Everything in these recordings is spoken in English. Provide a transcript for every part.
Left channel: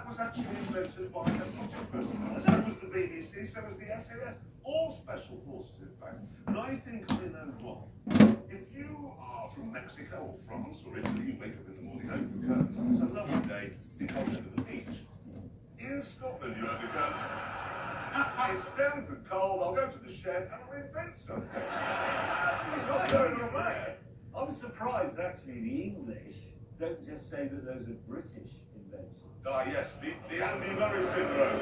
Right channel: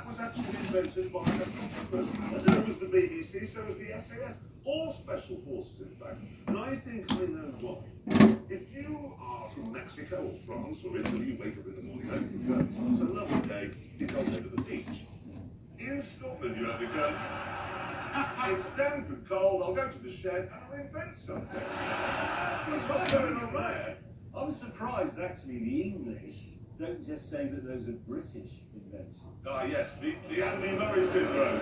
that was actually invented by Scottish personnel. So was the BBC, so was the SAS, all special forces, in fact. And I think I know why. If you are from Mexico or France or Italy, you wake up in the morning, it's a lovely day, you come over the beach. In Scotland, you have to go, it's damn good cold, I'll go to the shed and I'll invent something. That's what's going on there. I'm surprised, actually, the English don't just say that those are British inventions. Ah, yes, the Andy Murray syndrome.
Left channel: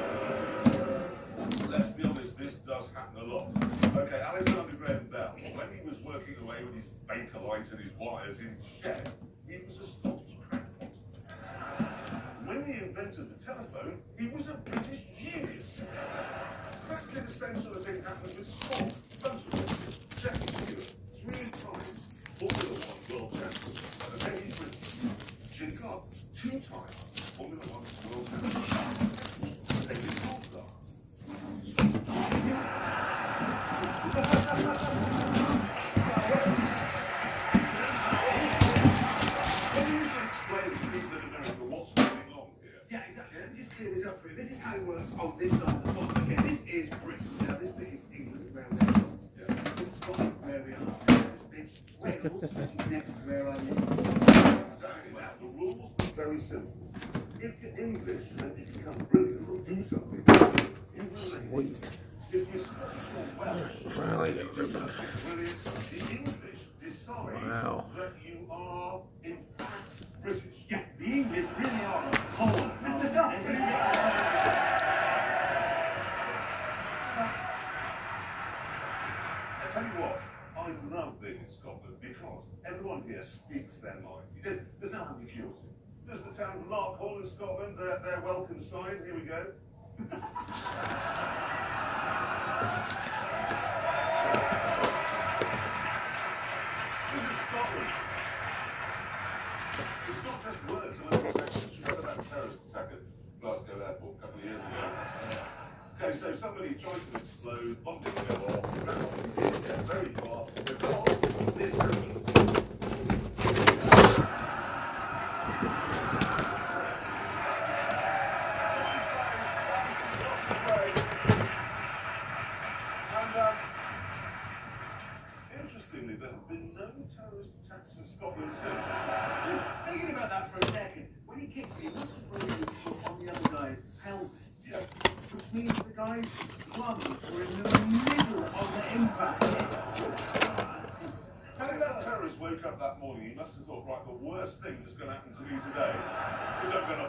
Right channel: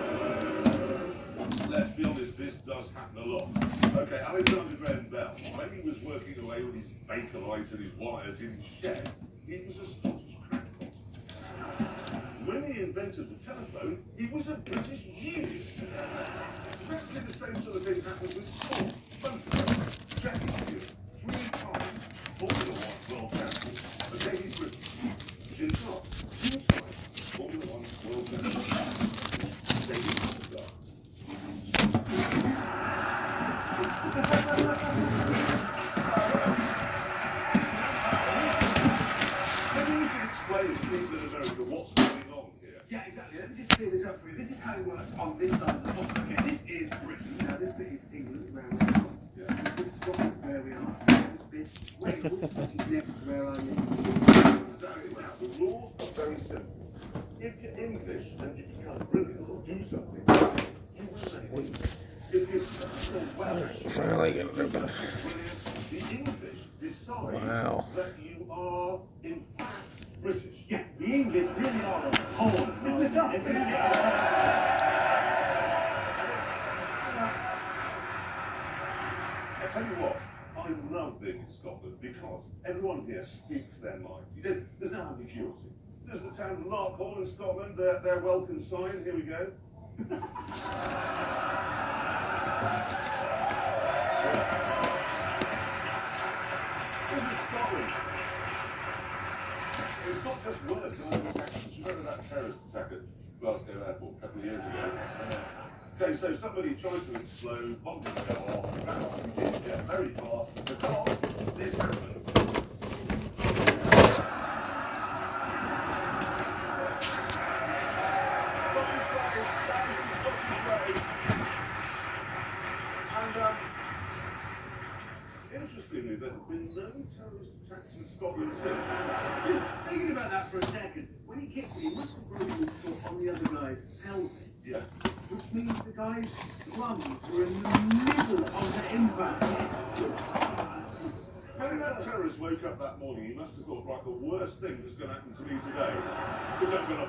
Let's be honest, this does happen a lot. Okay, Alexander Graham Bell, when he was working away with his Bakelite and his wires in his shed, he was a Scottish crackpot. When he invented the telephone, he was a British genius. Exactly the same sort of thing happened with sport. Motorsport, Chesterfield, 3 times, Formula 1 World Champion. Okay, he's British. Jim Clark, 2 times, Formula 1 World Champion. David Coulthard. Maybe you should explain to people in America what's going on here. Yeah, exactly. Let me just clear this up for you. This is how it works on this side of the pond. Okay, this is Britain. Now, this bit is England, where we are. Yeah. This is Scotland, where we are. This bit, Wales, which is next to where I live. Exactly. Now, the rules are very simple. If you're English and you become brilliant or do something, you remain. If you're Scottish or Welsh, Finally get it. brilliant, the English decide Wow. that you are, in fact, British. Yeah, the English really are a whole. I tell you what, I love being in Scotland because everyone here speaks their mind. There's no ambiguity. There's the town of Larkhall in Scotland, their welcome sign. Here we go. This is Scotland. It's not just words. You read about the terrorist attack at Glasgow Airport a couple of years ago. Okay, so somebody tried to explode, bomb didn't go off, yeah, very fast, because this happened. Interestingly, there have been no terrorist attacks in Scotland since. Just thinking about that for a second. When he kicked me, he must have broken his foot on the other guy's pelvis. Yeah. Which means the guy's lungs were in the middle of the impact. When that terrorist woke up that morning, he must have thought, right, the worst thing that's going to happen to me today is I'm going to